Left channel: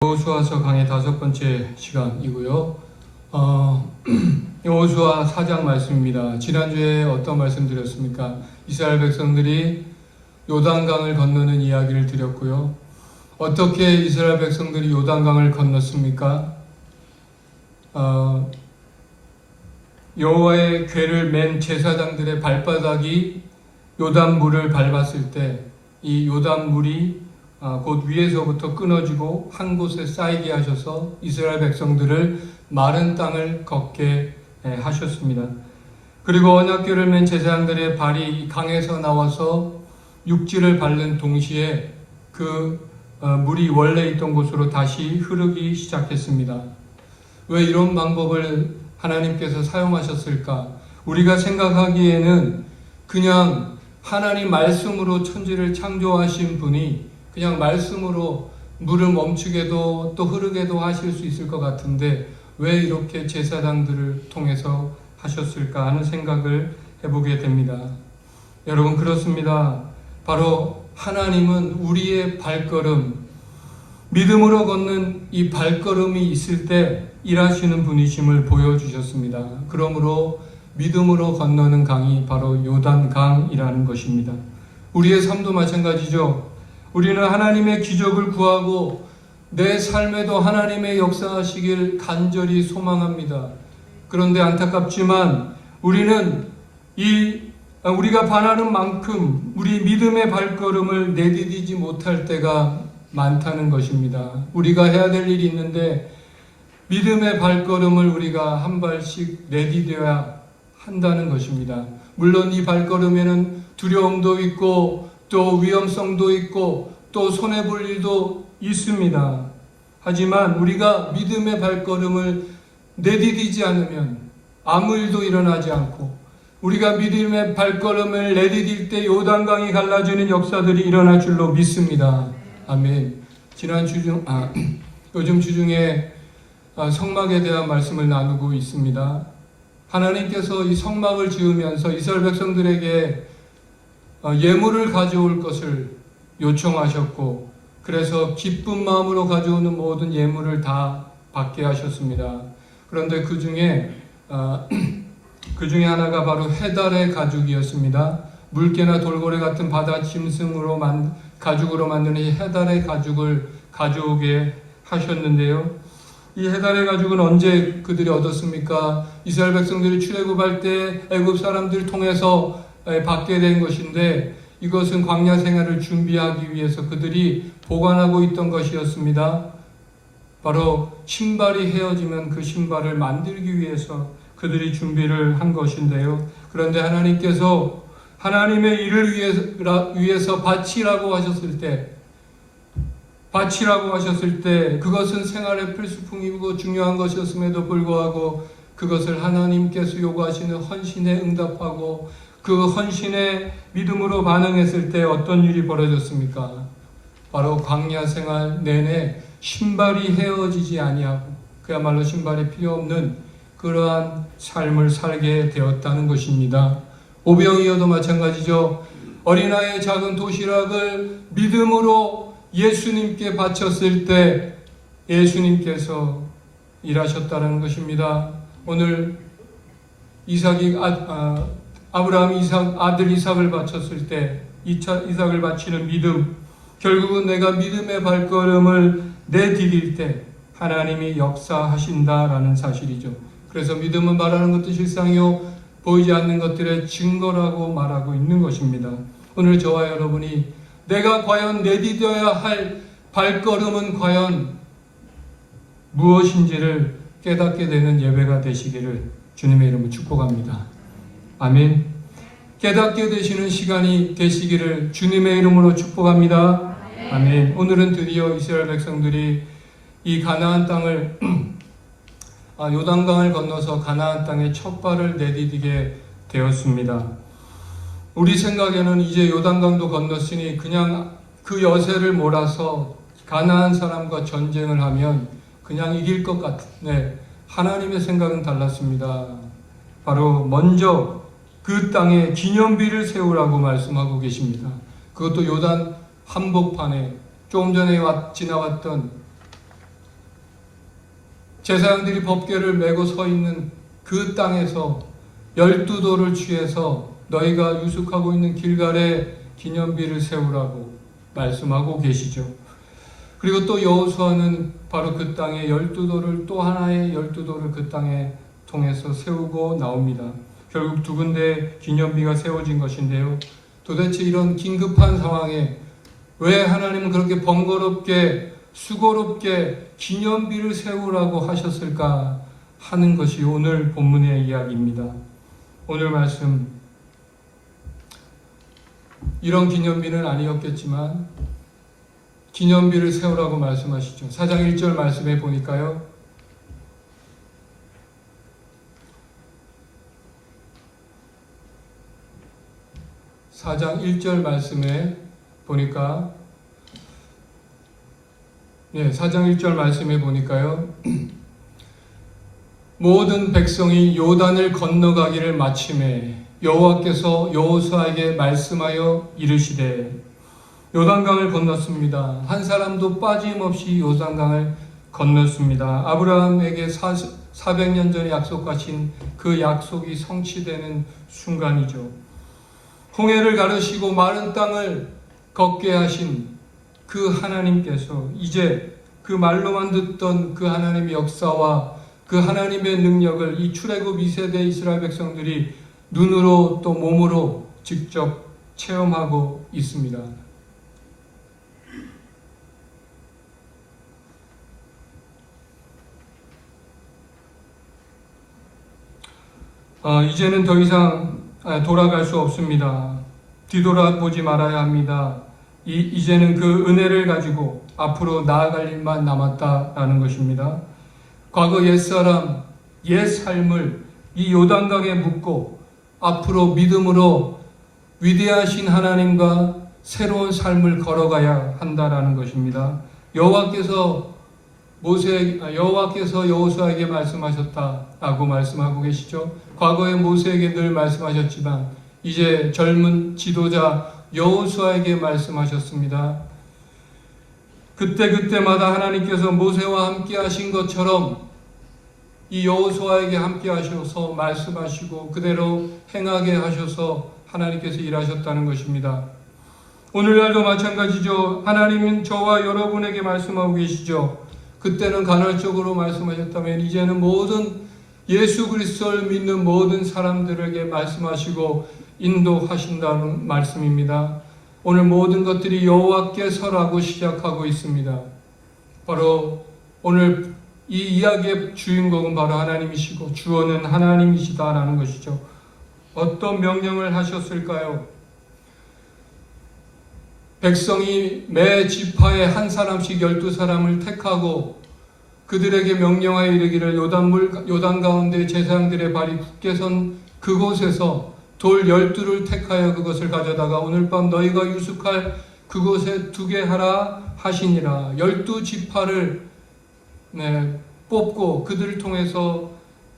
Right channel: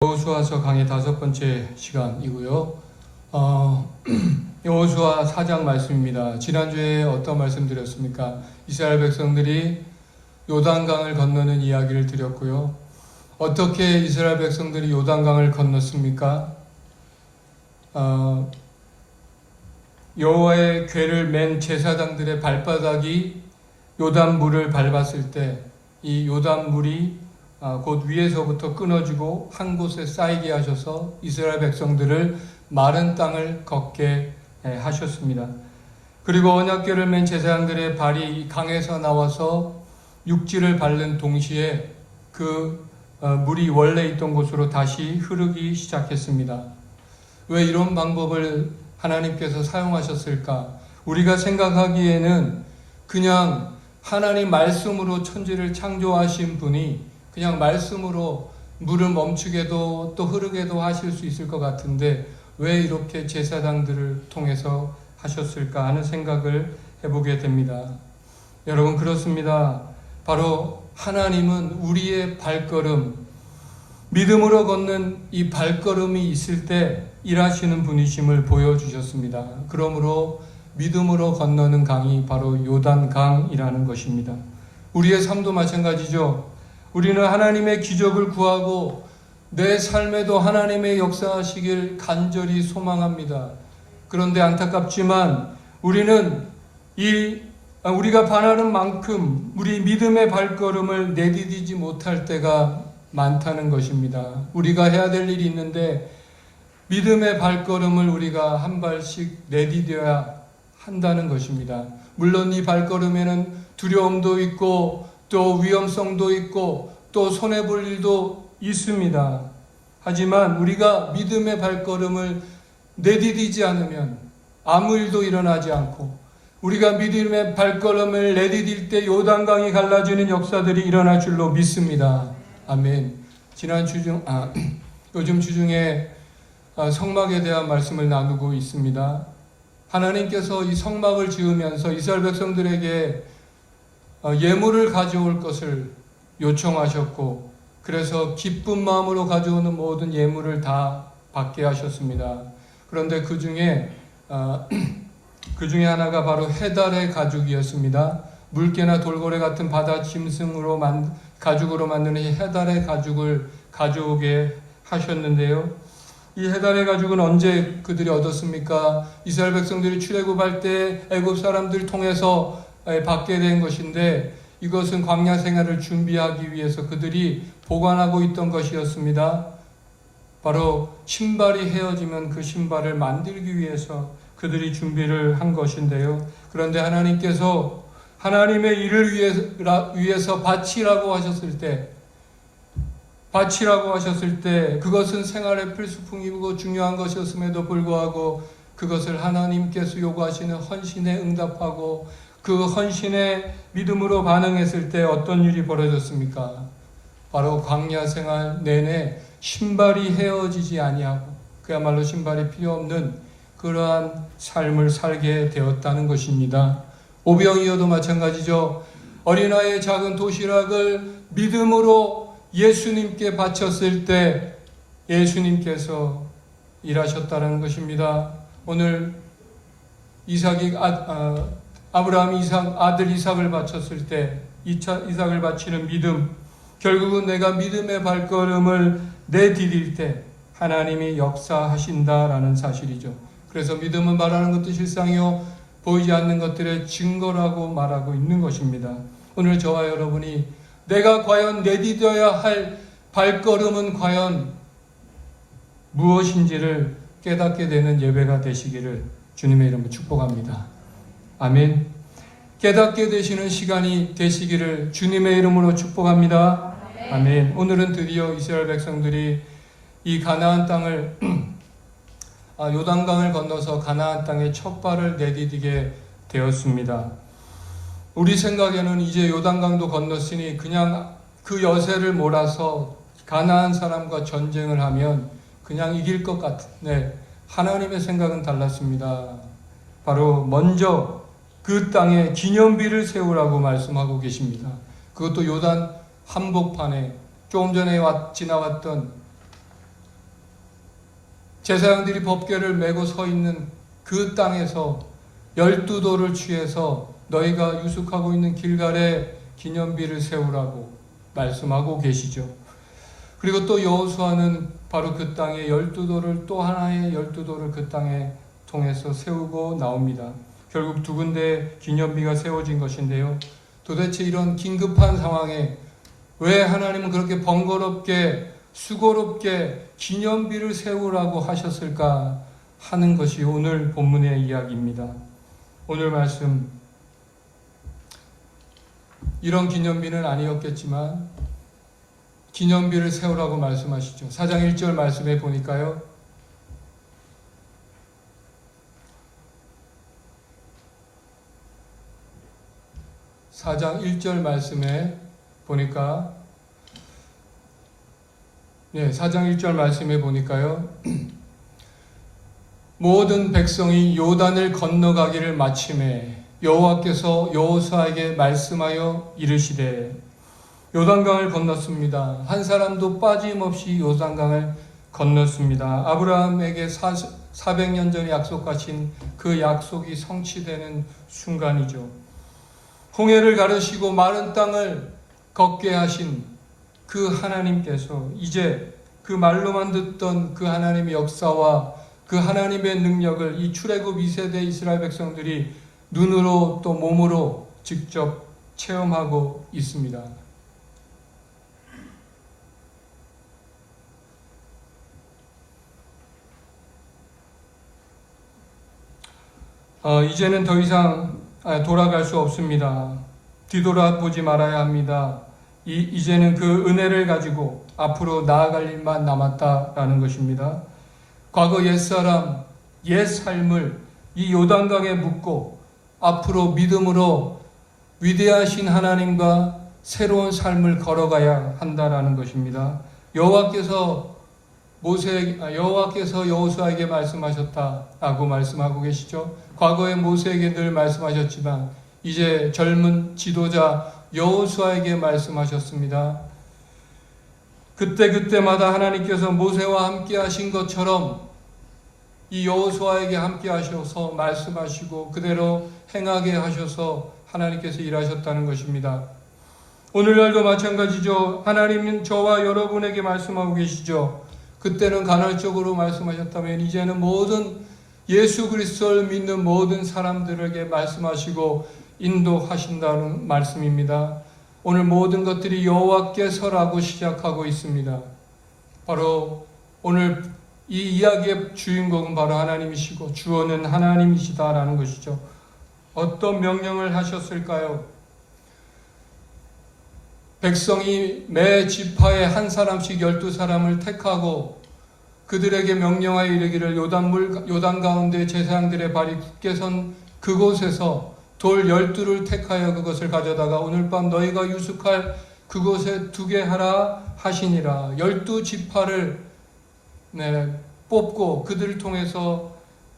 여호수아서 강의 5번째 시간이고요. 여호수아 4장 말씀입니다. 지난주에 어떤 말씀 드렸습니까? 이스라엘 백성들이 요단강을 건너는 이야기를 드렸고요. 어떻게 이스라엘 백성들이 요단강을 건넜습니까? 여호와의 궤를 맨 제사장들의 발바닥이 요단물을 밟았을 때 이 요단물이 곧 위에서부터 끊어지고 한 곳에 쌓이게 하셔서 이스라엘 백성들을 마른 땅을 걷게 하셨습니다. 그리고 언약궤를 맨 제사장들의 발이 강에서 나와서 육지를 밟는 동시에 그 물이 원래 있던 곳으로 다시 흐르기 시작했습니다. 왜 이런 방법을 하나님께서 사용하셨을까? 우리가 생각하기에는 그냥 하나님 말씀으로 천지를 창조하신 분이 그냥 말씀으로 물을 멈추게도 또 흐르게도 하실 수 있을 것 같은데 왜 이렇게 제사장들을 통해서 하셨을까 하는 생각을 해보게 됩니다. 여러분, 그렇습니다. 바로 하나님은 우리의 발걸음, 믿음으로 걷는 이 발걸음이 있을 때 일하시는 분이심을 보여주셨습니다. 그러므로 믿음으로 건너는 강이 바로 요단강이라는 것입니다. 우리의 삶도 마찬가지죠. 우리는 하나님의 기적을 구하고 내 삶에도 하나님의 역사하시길 간절히 소망합니다. 그런데 안타깝지만 우리는 우리가 바라는 만큼 우리 믿음의 발걸음을 내디디지 못할 때가 많다는 것입니다. 우리가 해야 될 일이 있는데 믿음의 발걸음을 우리가 한 발씩 내디뎌야 한다는 것입니다. 물론 이 발걸음에는 두려움도 있고 또 위험성도 있고 또 손해볼 일도 있습니다. 하지만 우리가 믿음의 발걸음을 내디디지 않으면 아무 일도 일어나지 않고 우리가 믿음의 발걸음을 내디딜 때 요단강이 갈라지는 역사들이 일어날 줄로 믿습니다. 아멘. 요즘 주중에 성막에 대한 말씀을 나누고 있습니다. 하나님께서 이 성막을 지으면서 이스라엘 백성들에게 예물을 가져올 것을 요청하셨고 그래서 기쁜 마음으로 가져오는 모든 예물을 다 받게 하셨습니다. 그런데 그 중에 하나가 바로 해달의 가죽이었습니다. 물개나 돌고래 같은 바다 짐승으로 가죽으로 만든 이 해달의 가죽을 가져오게 하셨는데요. 이 해달의 가죽은 언제 그들이 얻었습니까? 이스라엘 백성들이 출애굽할 때 애굽 사람들 통해서 받게 된 것인데 이것은 광야 생활을 준비하기 위해서 그들이 보관하고 있던 것이었습니다. 바로 신발이 헤어지면 그 신발을 만들기 위해서 그들이 준비를 한 것인데요. 그런데 하나님께서 하나님의 일을 위해서 바치라고 하셨을 때 그것은 생활의 필수품이고 중요한 것이었음에도 불구하고 그것을 하나님께서 요구하시는 헌신에 응답하고 그 헌신에 믿음으로 반응했을 때 어떤 일이 벌어졌습니까? 바로 광야 생활 내내 신발이 헤어지지 아니하고 그야말로 신발이 필요 없는 그러한 삶을 살게 되었다는 것입니다. 오병이어도 마찬가지죠. 어린아이의 작은 도시락을 믿음으로 예수님께 바쳤을 때 예수님께서 일하셨다는 것입니다. 오늘 아브라함이 아들 이삭을 바쳤을 때 이삭을 바치는 믿음, 결국은 내가 믿음의 발걸음을 내디딜 때 하나님이 역사하신다라는 사실이죠. 그래서 믿음은 말하는 것도 실상이요 보이지 않는 것들의 증거라고 말하고 있는 것입니다. 오늘 저와 여러분이 내가 과연 내디뎌야 할 발걸음은 과연 무엇인지를 깨닫게 되는 예배가 되시기를 주님의 이름으로 축복합니다. 아멘. 깨닫게 되시는 시간이 되시기를 주님의 이름으로 축복합니다. 아멘. 오늘은 드디어 이스라엘 백성들이 이 가나안 땅을 요단강을 건너서 가나안 땅에 첫 발을 내디디게 되었습니다. 우리 생각에는 이제 요단강도 건넜으니 그냥 그 여세를 몰아서 가나안 사람과 전쟁을 하면 그냥 이길 것 같은데 하나님의 생각은 달랐습니다. 바로 먼저 그 땅에 기념비를 세우라고 말씀하고 계십니다. 그것도 요단 한복판에 조금 전에 지나왔던 제사장들이 법궤를 메고 서 있는 그 땅에서 12돌을 취해서 너희가 유숙하고 있는 길갈에 기념비를 세우라고 말씀하고 계시죠. 그리고 또 여호수아는 바로 그 땅에 12돌을 또 하나의 12돌을 그 땅에 통해서 세우고 나옵니다. 결국 두 군데 기념비가 세워진 것인데요. 도대체 이런 긴급한 상황에 왜 하나님은 그렇게 번거롭게 수고롭게 기념비를 세우라고 하셨을까 하는 것이 오늘 본문의 이야기입니다. 오늘 말씀, 이런 기념비는 아니었겠지만 기념비를 세우라고 말씀하시죠. 4장 1절 말씀에 보니까요, 모든 백성이 요단을 건너가기를 마침에 여호와께서 여호수아에게 말씀하여 이르시되, 요단강을 건넜습니다. 한 사람도 빠짐없이 요단강을 건넜습니다. 아브라함에게 400년 전에 약속하신 그 약속이 성취되는 순간이죠. 홍해를 가르시고 마른 땅을 걷게 하신 그 하나님께서 이제 그 말로만 듣던 그 하나님의 역사와 그 하나님의 능력을 이 출애굽 2세대 이스라엘 백성들이 눈으로 또 몸으로 직접 체험하고 있습니다. 이제는 더 이상 돌아갈 수 없습니다. 뒤돌아보지 말아야 합니다. 이제는 그 은혜를 가지고 앞으로 나아갈 일만 남았다라는 것입니다. 과거 옛사람, 옛삶을 이 요단강에 묻고 앞으로 믿음으로 위대하신 하나님과 새로운 삶을 걸어가야 한다라는 것입니다. 여호와께서 여호수아에게 말씀하셨다라고 말씀하고 계시죠. 과거에 모세에게 늘 말씀하셨지만 이제 젊은 지도자 여호수아에게 말씀하셨습니다. 그때마다 하나님께서 모세와 함께 하신 것처럼 이 여호수아에게 함께 하셔서 말씀하시고 그대로 행하게 하셔서 하나님께서 일하셨다는 것입니다. 오늘날도 마찬가지죠. 하나님은 저와 여러분에게 말씀하고 계시죠. 그때는 간헐적으로 말씀하셨다면 이제는 모든 예수 그리스도를 믿는 모든 사람들에게 말씀하시고 인도하신다는 말씀입니다. 오늘 모든 것들이 여호와께서라고 시작하고 있습니다. 바로 오늘 이 이야기의 주인공은 바로 하나님이시고 주어는 하나님이시다라는 것이죠. 어떤 명령을 하셨을까요? 백성이 매 지파에 한 사람씩 12사람을 택하고 그들에게 명령하여 이르기를 요단 가운데 제사장들의 발이 굳게 선 그곳에서 돌 12를 택하여 그것을 가져다가 오늘 밤 너희가 유숙할 그곳에 두게 하라 하시니라. 12지파를 뽑고 그들을 통해서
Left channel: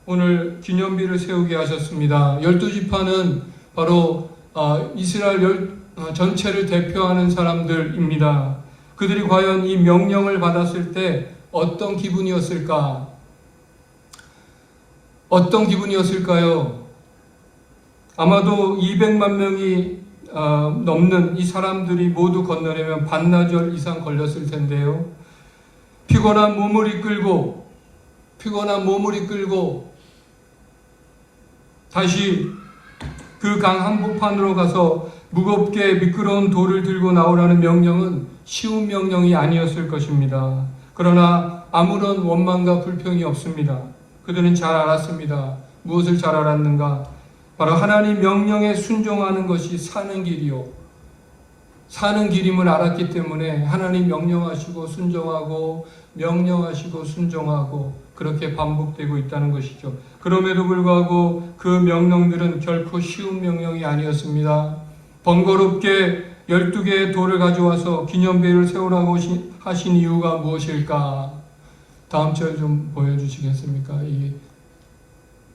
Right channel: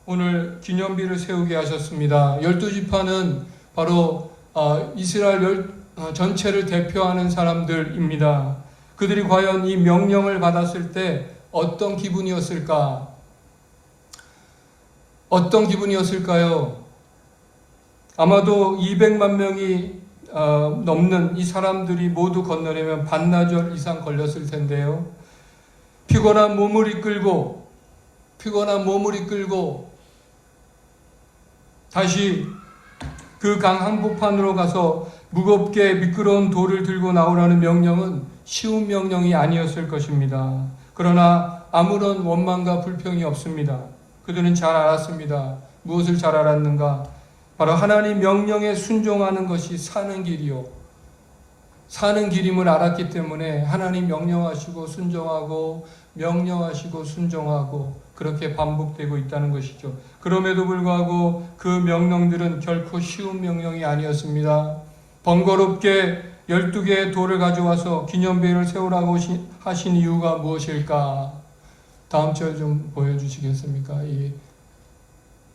오늘 기념비를 세우게 하셨습니다. 12지파는 바로 이스라엘 전체를 대표하는 사람들입니다. 그들이 과연 이 명령을 받았을 때 어떤 기분이었을까? 어떤 기분이었을까요? 아마도 200만 명이 넘는 이 사람들이 모두 건너려면 반나절 이상 걸렸을 텐데요. 피곤한 몸을 이끌고 다시 그 강 한복판으로 가서 무겁게 미끄러운 돌을 들고 나오라는 명령은 쉬운 명령이 아니었을 것입니다. 그러나 아무런 원망과 불평이 없습니다. 그들은 잘 알았습니다. 무엇을 잘 알았는가? 바로 하나님 명령에 순종하는 것이 사는 길이요, 사는 길임을 알았기 때문에 하나님 명령하시고 순종하고 명령하시고 순종하고 그렇게 반복되고 있다는 것이죠. 그럼에도 불구하고 그 명령들은 결코 쉬운 명령이 아니었습니다. 번거롭게 12개의 돌을 가져와서 기념비를 세우라고 하신 이유가 무엇일까? 다음 절 좀 보여주시겠습니까?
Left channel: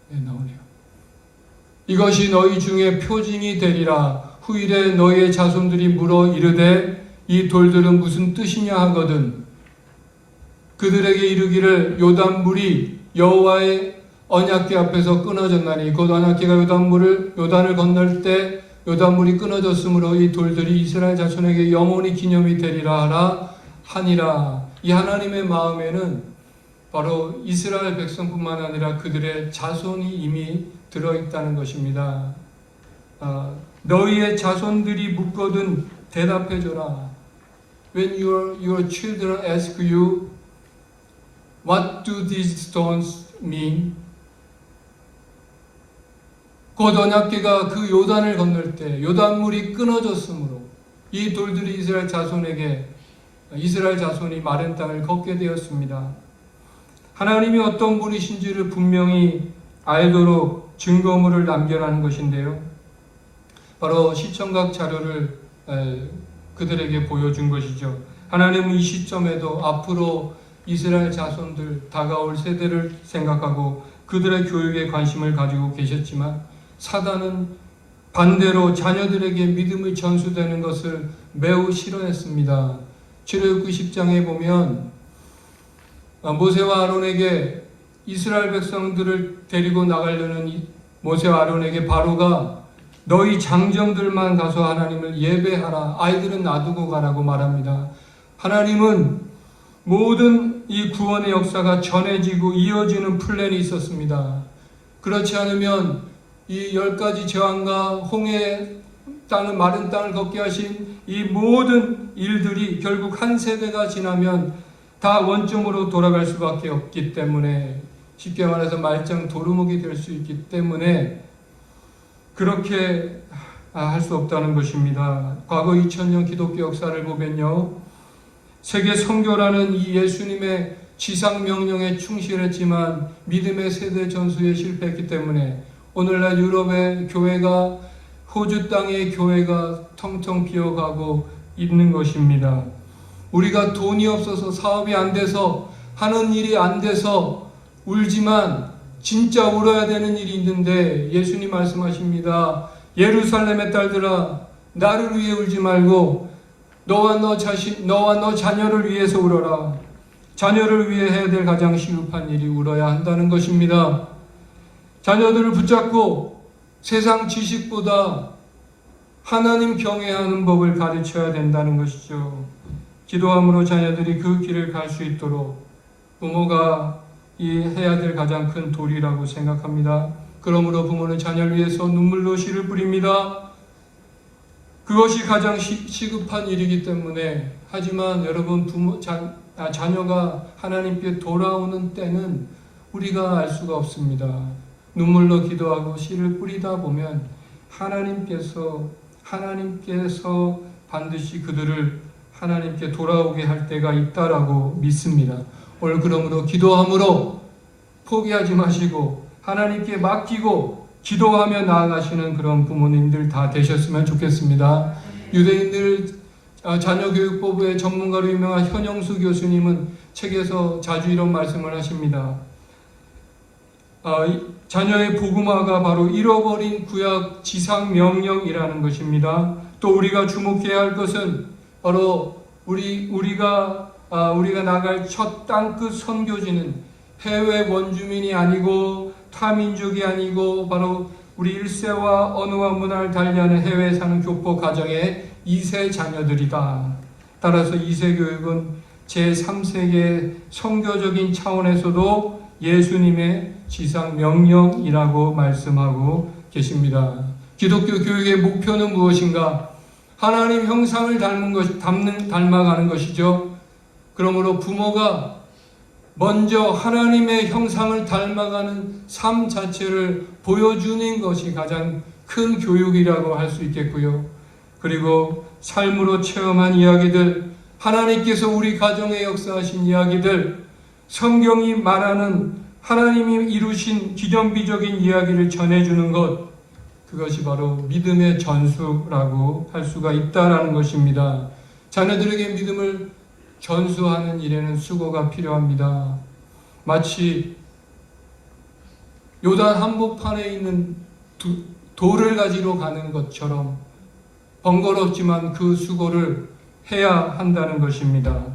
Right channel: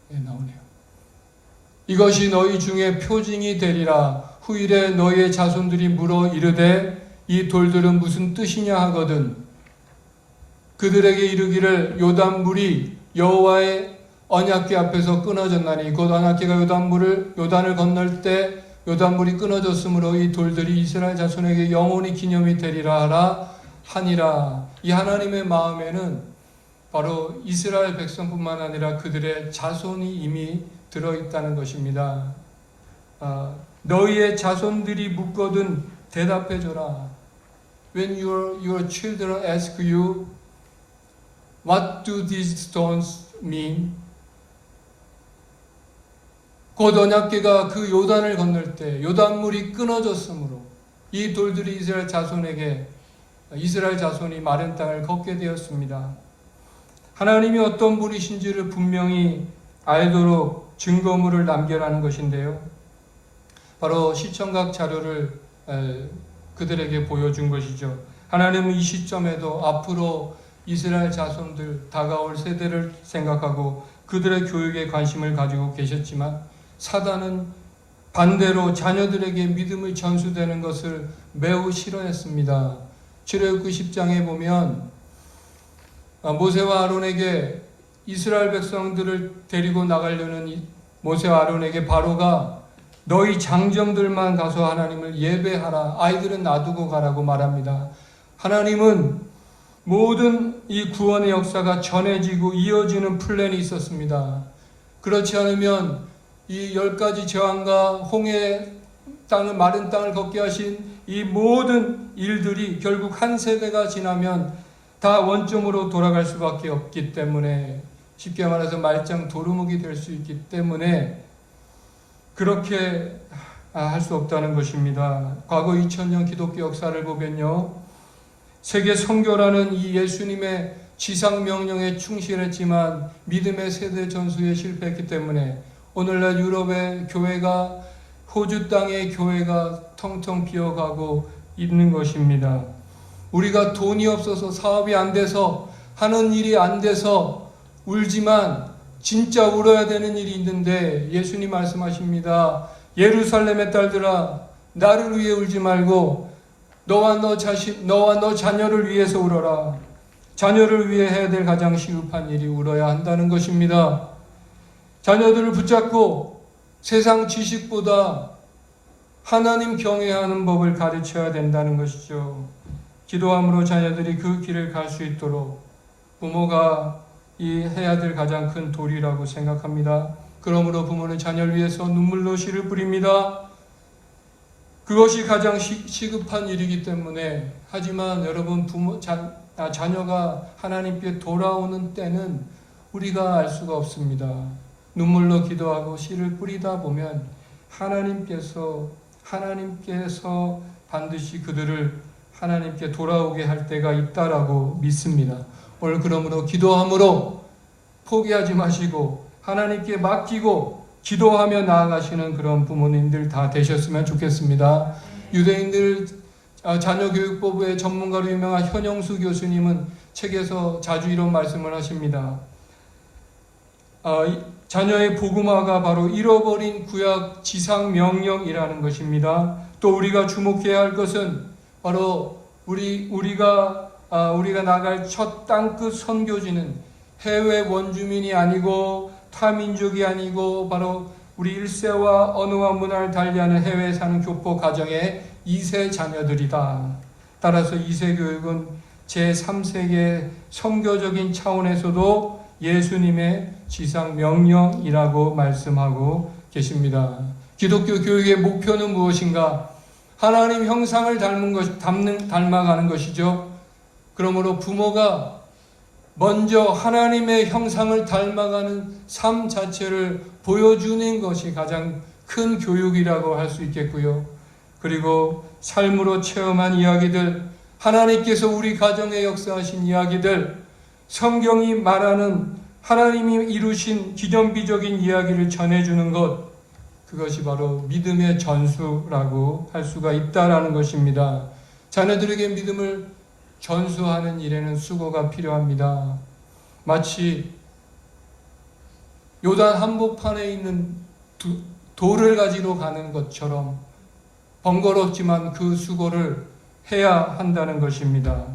나오네요. 이것이 너희 중에 표징이 되리라. 후일에 너희의 자손들이 물어 이르되 이 돌들은 무슨 뜻이냐 하거든 그들에게 이르기를 요단물이 여호와의 언약궤 앞에서 끊어졌나니 곧 언약궤가 요단을 건널 때 요단물이 끊어졌으므로 이 돌들이 이스라엘 자손에게 영원히 기념이 되리라 하니라. 이 하나님의 마음에는 바로 이스라엘 백성뿐만 아니라 그들의 자손이 이미 들어있다는 것입니다. 너희의 자손들이 묻거든 대답해줘라. When your children ask you, what do these stones mean? 곧 언약궤가 그 요단을 건널 때 요단물이 끊어졌으므로 이 돌들이 이스라엘 자손이 마른 땅을 걷게 되었습니다. 하나님이 어떤 분이신지를 분명히 알도록 증거물을 남겨라는 것인데요. 바로 시청각 자료를 그들에게 보여준 것이죠. 하나님은 이 시점에도 앞으로 이스라엘 자손들, 다가올 세대를 생각하고 그들의 교육에 관심을 가지고 계셨지만 사단은 반대로 자녀들에게 믿음을 전수되는 것을 매우 싫어했습니다. 출애굽기 10장에 보면 모세와 아론에게 이스라엘 백성들을 데리고 나가려는 모세와 아론에게 바로가 너희 장정들만 가서 하나님을 예배하라. 아이들은 놔두고 가라고 말합니다. 하나님은 모든 이 구원의 역사가 전해지고 이어지는 플랜이 있었습니다. 그렇지 않으면 이 10가지 재앙과 홍해 땅을 마른 땅을 걷게 하신 이 모든 일들이 결국 한 세대가 지나면 다 원점으로 돌아갈 수밖에 없기 때문에 쉽게 말해서 말짱 도루묵이 될 수 있기 때문에 그렇게 할 수 없다는 것입니다. 과거 2000년 기독교 역사를 보면요. 세계 선교라는 이 예수님의 지상 명령에 충실했지만 믿음의 세대 전수에 실패했기 때문에 오늘날 유럽의 교회가 호주 땅의 교회가 텅텅 비어가고 있는 것입니다. 우리가 돈이 없어서 사업이 안 돼서 하는 일이 안 돼서 울지만 진짜 울어야 되는 일이 있는데 예수님 말씀하십니다. 예루살렘의 딸들아 나를 위해 울지 말고 너와 너 자녀를 위해서 울어라. 자녀를 위해 해야 될 가장 시급한 일이 울어야 한다는 것입니다. 자녀들을 붙잡고 세상 지식보다 하나님 경외하는 법을 가르쳐야 된다는 것이죠. 기도함으로 자녀들이 그 길을 갈 수 있도록 부모가 해야 될 가장 큰 도리라고 생각합니다. 그러므로 부모는 자녀를 위해서 눈물로 씨를 뿌립니다. 그것이 가장 시급한 일이기 때문에 하지만 여러분 자녀가 하나님께 돌아오는 때는 우리가 알 수가 없습니다. 눈물로 기도하고 씨를 뿌리다 보면 하나님께서 반드시 그들을 하나님께 돌아오게 할 때가 있다라고 믿습니다. 오늘 그러므로 기도함으로 포기하지 마시고 하나님께 맡기고 기도하며 나아가시는 그런 부모님들 다 되셨으면 좋겠습니다. 유대인들 자녀교육법의 전문가로 유명한 현영수 교수님은 책에서 자주 이런 말씀을 하십니다. 자녀의 복음화가 바로 잃어버린 구약 지상 명령이라는 것입니다. 또 우리가 주목해야 할 것은 바로 우리가 나갈 첫 땅끝 선교지는 해외 원주민이 아니고 타민족이 아니고 바로 우리 1세와 언어와 문화를 달리하는 해외에 사는 교포 가정의 2세 자녀들이다. 따라서 2세 교육은 제3세계 선교적인 차원에서도 예수님의 지상 명령이라고 말씀하고 계십니다. 기독교 교육의 목표는 무엇인가? 하나님 형상을 닮아가는 것이죠. 그러므로 부모가 먼저 하나님의 형상을 닮아가는 삶 자체를 보여주는 것이 가장 큰 교육이라고 할 수 있겠고요. 그리고 삶으로 체험한 이야기들, 하나님께서 우리 가정에 역사하신 이야기들, 성경이 말하는 하나님이 이루신 기념비적인 이야기를 전해주는 것, 그것이 바로 믿음의 전수라고 할 수가 있다는 것입니다. 자녀들에게 믿음을 전수하는 일에는 수고가 필요합니다. 마치 요단 한복판에 있는 돌을 가지러 가는 것처럼 번거롭지만 그 수고를 해야 한다는 것입니다.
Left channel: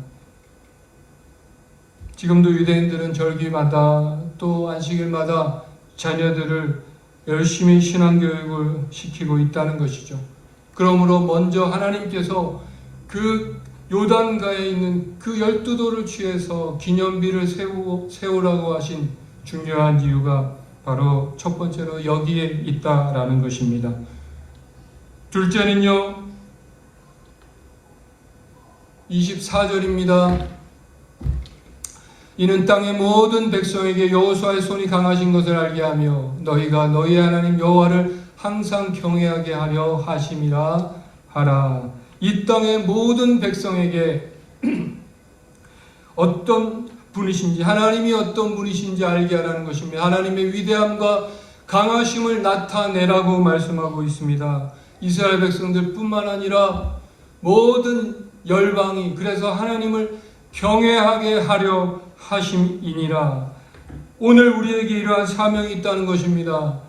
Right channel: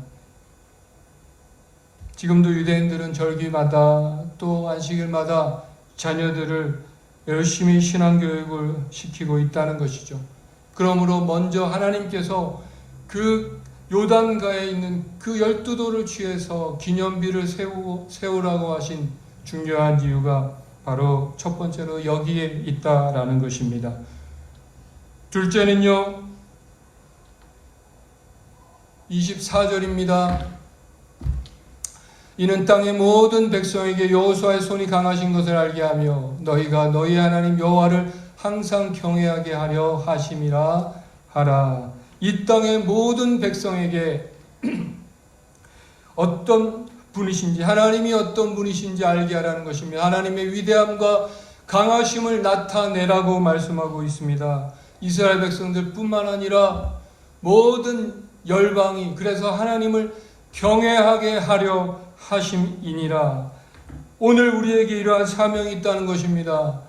지금도 유대인들은 절기마다 또 안식일마다 자녀들을 열심히 신앙교육을 시키고 있다는 것이죠. 그러므로 먼저 하나님께서 그 요단가에 있는 그 12도를 취해서 기념비를 세우라고 하신 중요한 이유가 바로 첫 번째로 여기에 있다라는 것입니다. 둘째는요, 24절입니다. 이는 땅의 모든 백성에게 여호수아의 손이 강하신 것을 알게 하며 너희가 너희 하나님 여호와를 항상 경외하게 하려 하심이라 하라. 이 땅의 모든 백성에게 어떤 분이신지, 하나님이 어떤 분이신지 알게 하라는 것입니다. 하나님의 위대함과 강하심을 나타내라고 말씀하고 있습니다. 이스라엘 백성들 뿐만 아니라 모든 열방이 그래서 하나님을 경외하게 하려 하심이니라. 오늘 우리에게 이러한 사명이 있다는 것입니다.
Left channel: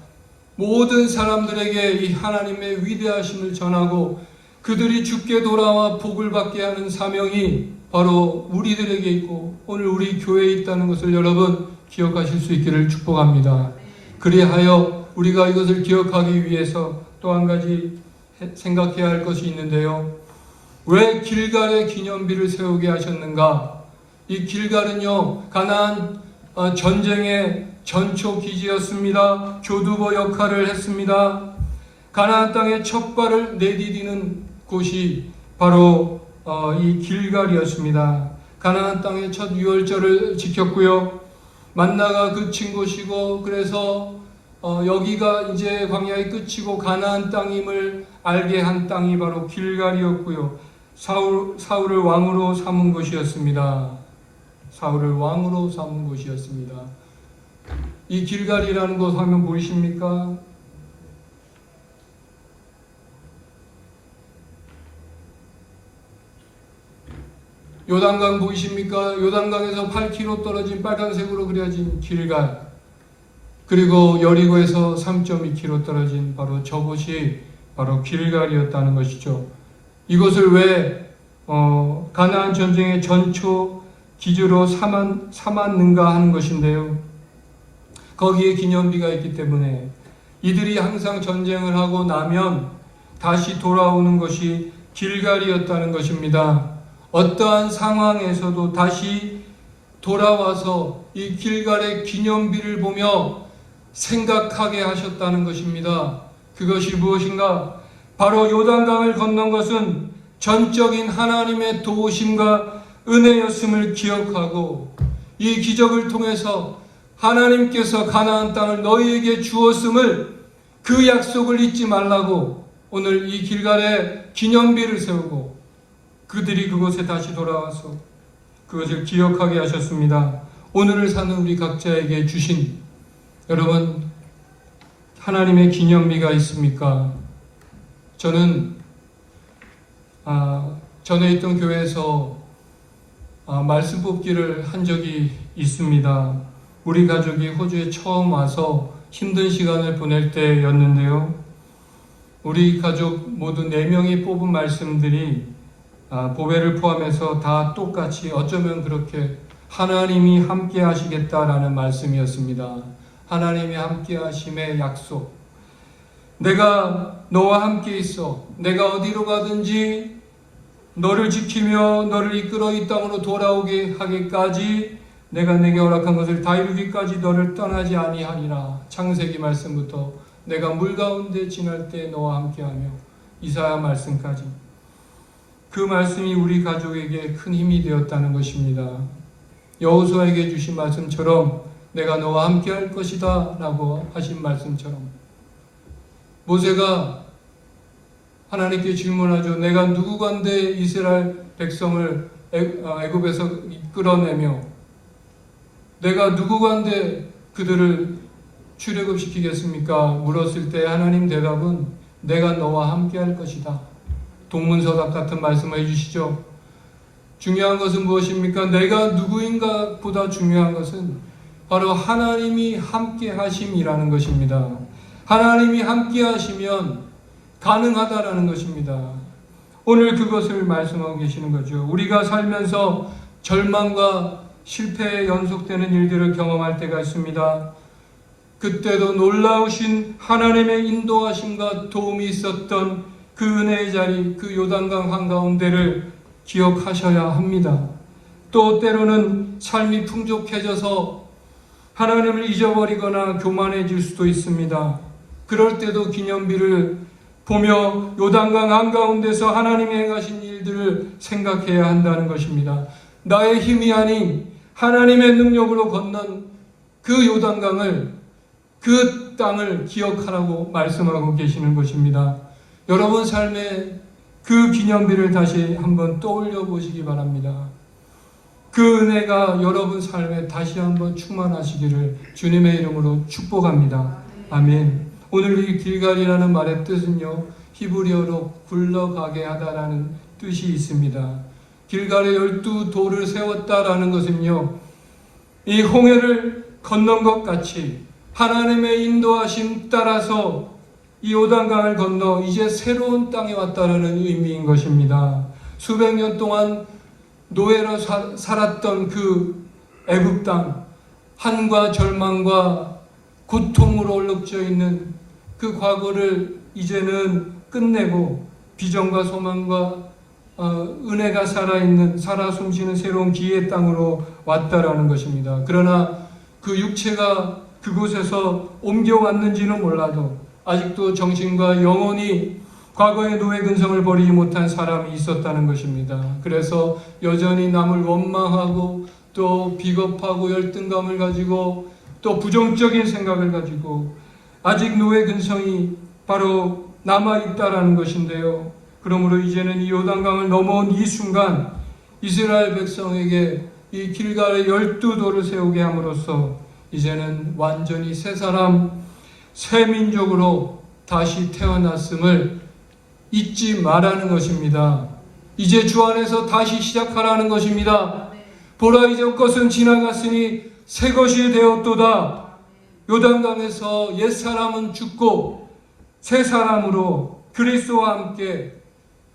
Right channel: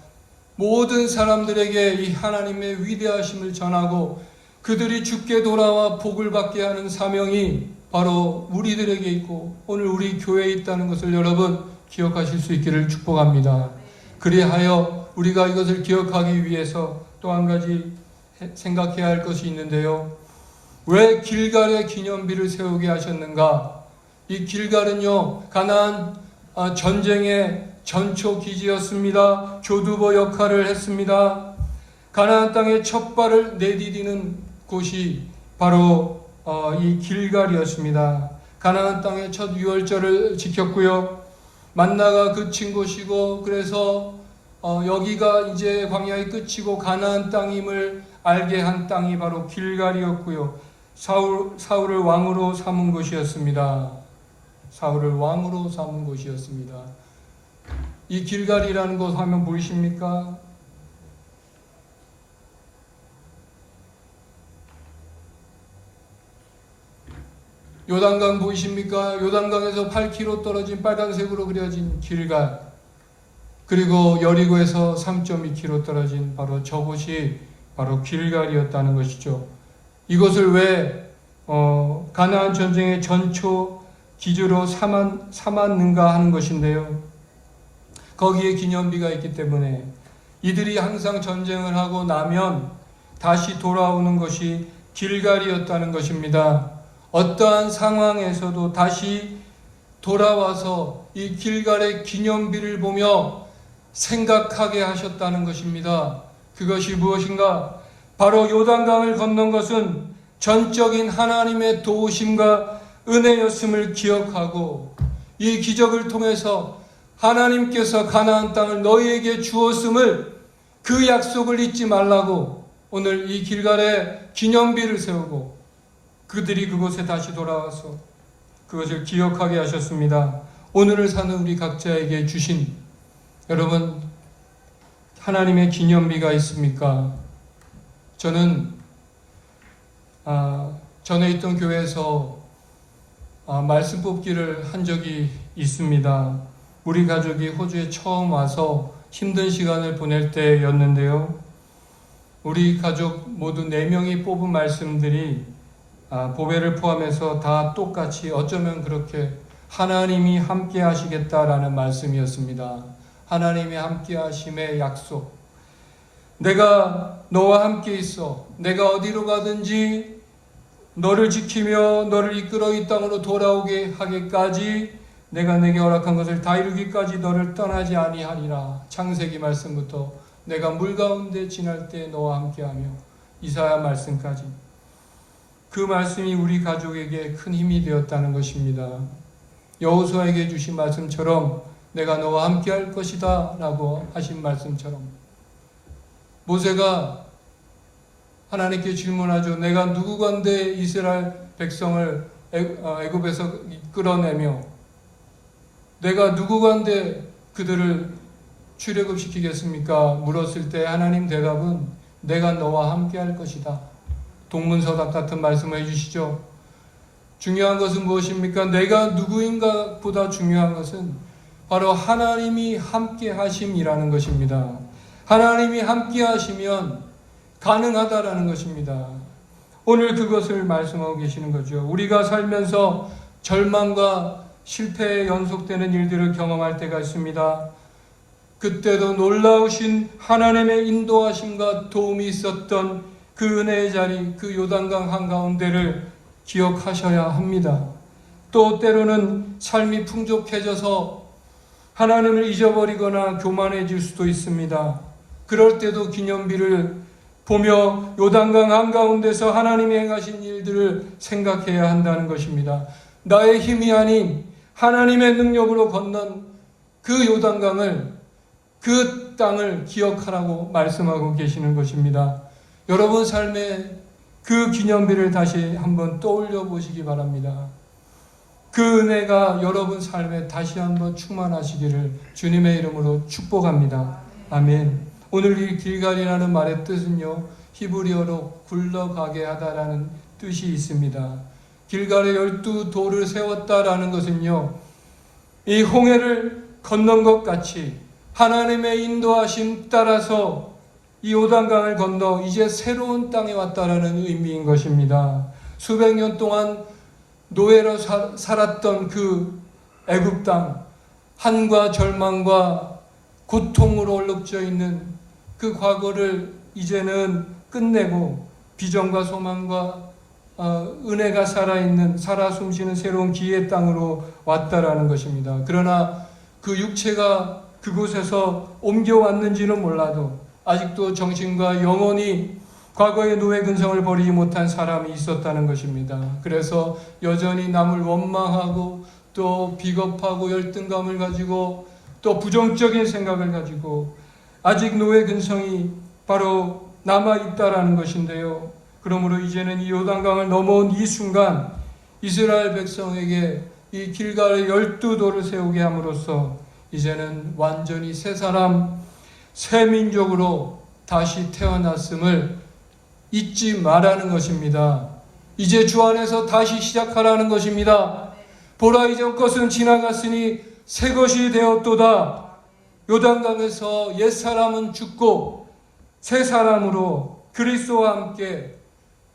모든 사람들에게 이 하나님의 위대하심을 전하고 그들이 주께 돌아와 복을 받게 하는 사명이 바로 우리들에게 있고 오늘 우리 교회에 있다는 것을 여러분 기억하실 수 있기를 축복합니다. 그리하여 우리가 이것을 기억하기 위해서 또 한 가지 생각해야 할 것이 있는데요. 왜 길갈에 기념비를 세우게 하셨는가? 이 길갈은요, 가나안 전쟁의 전초 기지였습니다. 교두보 역할을 했습니다. 가나안 땅에 첫 발을 내디디는 곳이 바로 이 길갈이었습니다. 가나안 땅의 첫 유월절을 지켰고요. 만나가 그친 곳이고 그래서 여기가 이제 광야의 끝이고 가나안 땅임을 알게 한 땅이 바로 길갈이었고요. 사울을 왕으로 삼은 곳이었습니다. 사울을 왕으로 삼은 곳이었습니다. 이 길갈이라는 곳 하면 보이십니까? 요단강 보이십니까? 요단강에서 8km 떨어진 빨간색으로 그려진 길갈, 그리고 여리고에서 3.2km 떨어진 바로 저곳이 바로 길갈이었다는 것이죠. 이것을 왜 가나안 전쟁의 전초 기주로 삼았는가 하는 것인데요. 거기에 기념비가 있기 때문에 이들이 항상 전쟁을 하고 나면 다시 돌아오는 것이 길갈이었다는 것입니다. 어떠한 상황에서도 다시 돌아와서 이 길갈의 기념비를 보며 생각하게 하셨다는 것입니다. 그것이 무엇인가? 바로 요단강을 건넌 것은 전적인 하나님의 도우심과 은혜였음을 기억하고 이 기적을 통해서 하나님께서 가나안 땅을 너희에게 주었음을 그 약속을 잊지 말라고 오늘 이 길갈에 기념비를 세우고 그들이 그곳에 다시 돌아와서 그것을 기억하게 하셨습니다. 오늘을 사는 우리 각자에게 주신 여러분 하나님의 기념비가 있습니까? 저는 전에 있던 교회에서 말씀 뽑기를 한 적이 있습니다. 우리 가족이 호주에 처음 와서 힘든 시간을 보낼 때였는데요. 우리 가족 모두 4명이 뽑은 말씀들이 보배를 포함해서 다 똑같이 어쩌면 그렇게 하나님이 함께 하시겠다라는 말씀이었습니다. 하나님이 함께 하심의 약속. 내가 너와 함께 있어. 내가 어디로 가든지 너를 지키며 너를 이끌어 이 땅으로 돌아오게 하기까지 내가 내게 허락한 것을 다 이루기까지 너를 떠나지 아니하리라. 창세기 말씀부터 내가 물 가운데 지날 때 너와 함께하며 이사야 말씀까지 그 말씀이 우리 가족에게 큰 힘이 되었다는 것입니다. 여호수아에게 주신 말씀처럼 내가 너와 함께할 것이다 라고 하신 말씀처럼 모세가 하나님께 질문하죠. 내가 누구건데 이스라엘 백성을 애굽에서 이끌어내며 내가 누구건데 그들을 출애굽시키겠습니까? 물었을 때 하나님 대답은 내가 너와 함께할 것이다. 동문서답 같은 말씀을 해주시죠. 중요한 것은 무엇입니까? 내가 누구인가 보다 중요한 것은 바로 하나님이 함께 하심이라는 것입니다. 하나님이 함께 하시면 가능하다라는 것입니다. 오늘 그것을 말씀하고 계시는 거죠. 우리가 살면서 절망과 실패에 연속되는 일들을 경험할 때가 있습니다. 그때도 놀라우신 하나님의 인도하심과 도움이 있었던 그 은혜의 자리, 그 요단강 한가운데를 기억하셔야 합니다. 또 때로는 삶이 풍족해져서 하나님을 잊어버리거나 교만해질 수도 있습니다. 그럴 때도 기념비를 보며 요단강 한가운데서 하나님이 행하신 일들을 생각해야 한다는 것입니다. 나의 힘이 아닌 하나님의 능력으로 건넌 그 요단강을, 그 땅을 기억하라고 말씀하고 계시는 것입니다. 여러분 삶에 그 기념비를 다시 한번 떠올려 보시기 바랍니다. 그 은혜가 여러분 삶에 다시 한번 충만하시기를 주님의 이름으로 축복합니다. 아멘. 오늘 이 길갈이라는 말의 뜻은요, 히브리어로 굴러가게 하다라는 뜻이 있습니다. 길갈에 12돌을 세웠다라는 것은요, 이 홍해를 건넌 것 같이 하나님의 인도하심 따라서 이 요단강을 건너 이제 새로운 땅에 왔다라는 의미인 것입니다. 수백 년 동안 노예로 살았던 그 애굽 땅, 한과 절망과 고통으로 얼룩져 있는 그 과거를 이제는 끝내고 비전과 소망과 은혜가 살아있는, 살아 숨쉬는 새로운 기회의 땅으로 왔다라는 것입니다. 그러나 그 육체가 그곳에서 옮겨왔는지는 몰라도 아직도 정신과 영혼이 과거의 노예 근성을 버리지 못한 사람이 있었다는 것입니다. 그래서 여전히 남을 원망하고 또 비겁하고 열등감을 가지고 또 부정적인 생각을 가지고 아직 노예 근성이 바로 남아있다라는 것인데요. 그러므로 이제는 이 요단강을 넘어온 이 순간 이스라엘 백성에게 이 길갈에 12돌을 세우게 함으로써 이제는 완전히 새 사람, 새 민족으로 다시 태어났음을 잊지 말라는 것입니다. 이제 주 안에서 다시 시작하라는 것입니다. 보라, 이전 것은 지나갔으니 새 것이 되었도다. 요단강에서 옛사람은 죽고 새 사람으로 그리스도와 함께,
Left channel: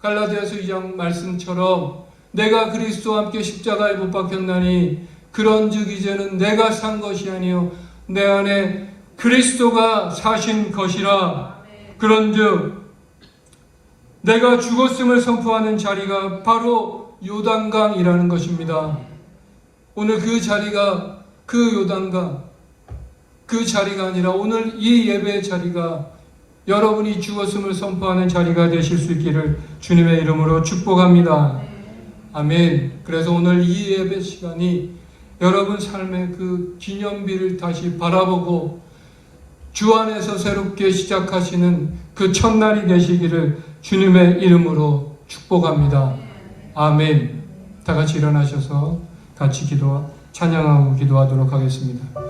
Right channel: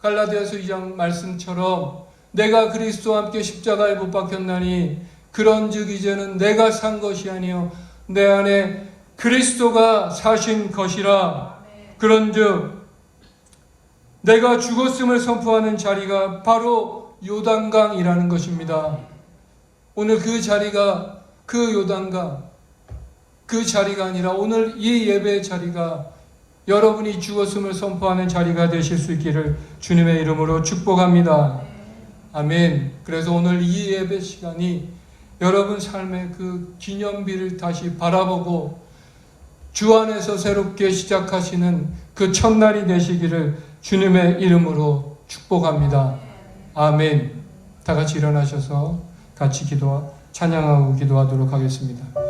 갈라디아서 2장 말씀처럼 내가 그리스도와 함께 십자가에 못 박혔나니 그런즉 이제는 내가 산 것이 아니요 내 안에 그리스도가 사신 것이라. 그런즉 내가 죽었음을 선포하는 자리가 바로 요단강이라는 것입니다. 오늘 그 자리가, 그 요단강, 그 자리가 아니라 오늘 이 예배의 자리가 여러분이 죽었음을 선포하는 자리가 되실 수 있기를 주님의 이름으로 축복합니다. 아멘. 그래서 오늘 이 예배 시간이 여러분 삶의 그 기념비를 다시 바라보고 주 안에서 새롭게 시작하시는 그 첫날이 되시기를 주님의 이름으로 축복합니다. 아멘. 다 같이 일어나셔서 같이 찬양하고 기도하도록 하겠습니다.